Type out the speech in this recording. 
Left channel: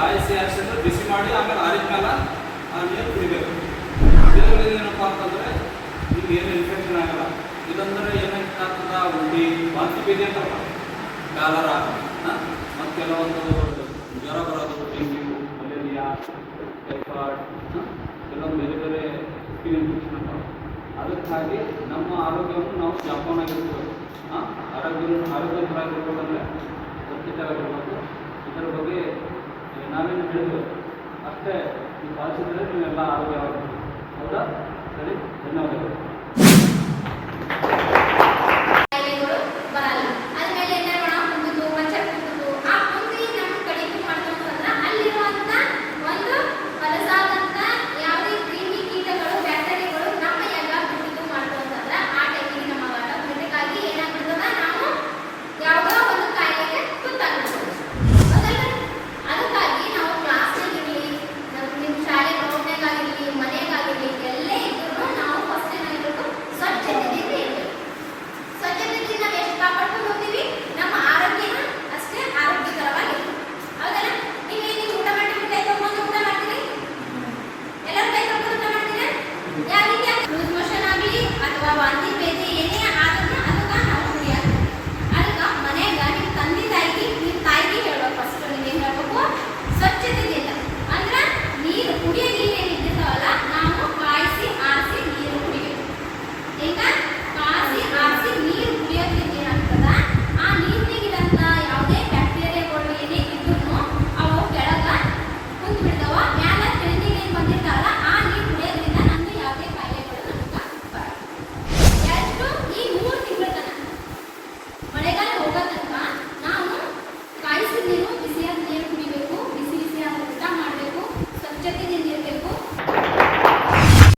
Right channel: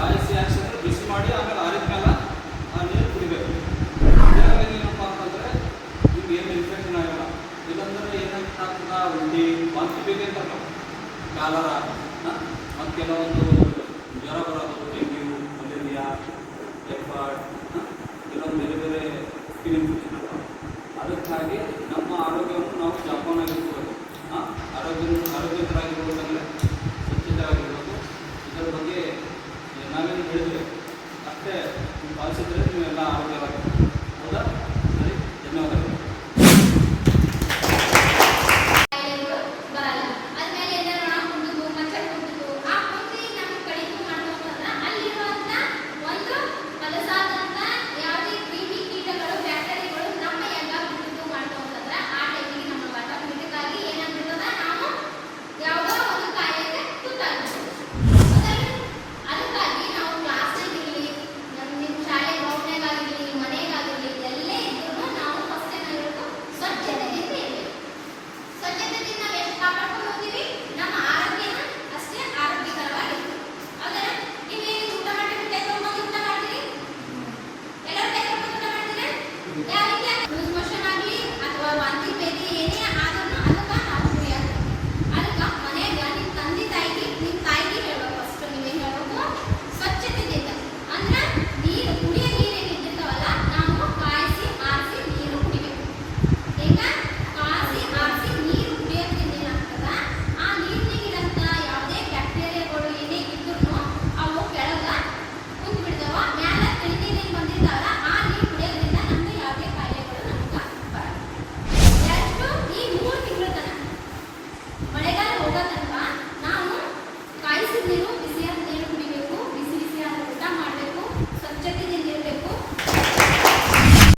ಕಾಯಿಸಿ ಹಾಕ್ಸಿದ್ರೆ ಬಿಸಿ ಮಾಡಿ ಆಮೇಲೆ ಆರಿದ್ಮೇಲೆ ಆ ನೀರು ಕುಡಿಬೇಕು. ಇದರಲ್ಲಿ ಏನಪ್ಪ ಅಂತಂದರೆ ಈಗ ಏನು ಇನ್ಫೆಕ್ಷನ್ ಆಗಲ್ಲ. ಇದಂದರೆ ಏನಾಗ್ತದ ಉಂಡಿ ವಾಂತಿ ಭೇದಿ ಅಂತಲ್ಲ, ಕಾಲರ ಮತ್ತು ಕೆಲವೊಂದು ಜ್ವರ ಬರೋದು, ಡೆಂಗ್ಯೂ, ಮಲೇರಿಯಾ, ಟೈಫಾಯ್ಡ್, ಕೆಲವೊಂದು ಬೇರೆ ಬೇರೆ ಸ್ಕಿನ್ ಇನ್ಫೆಕ್ಷನ್ ಇರ್ತಾವೆ. ಅದಕ್ಕಾಗಿ ನಮ್ಮ ಆರೋಗ್ಯವನ್ನು ನಾವು ಜಪಾನಾಗಿರ್ಬೇಕು. ಆರೋಗ್ಯವಂತರಾಗಿರ್ಬೇಕಂದ್ರೆ ಸ್ವಚ್ಛತೆಯಾಗಿರ್ಬೇಕು. ಇದರ ಬಗ್ಗೆ ನಾವೇನು ಹೇಳಿದ್ವಿ ಅಷ್ಟೇ ನೀವು ಪಾಲಿಸಿದ್ರೆ ನೀವೆಲ್ಲ ಆರೋಗ್ಯವಾಗಿರ್ಬೇಕು. ಹೌದಾ? ಸರಿ, ಧನ್ಯವಾದಗಳು.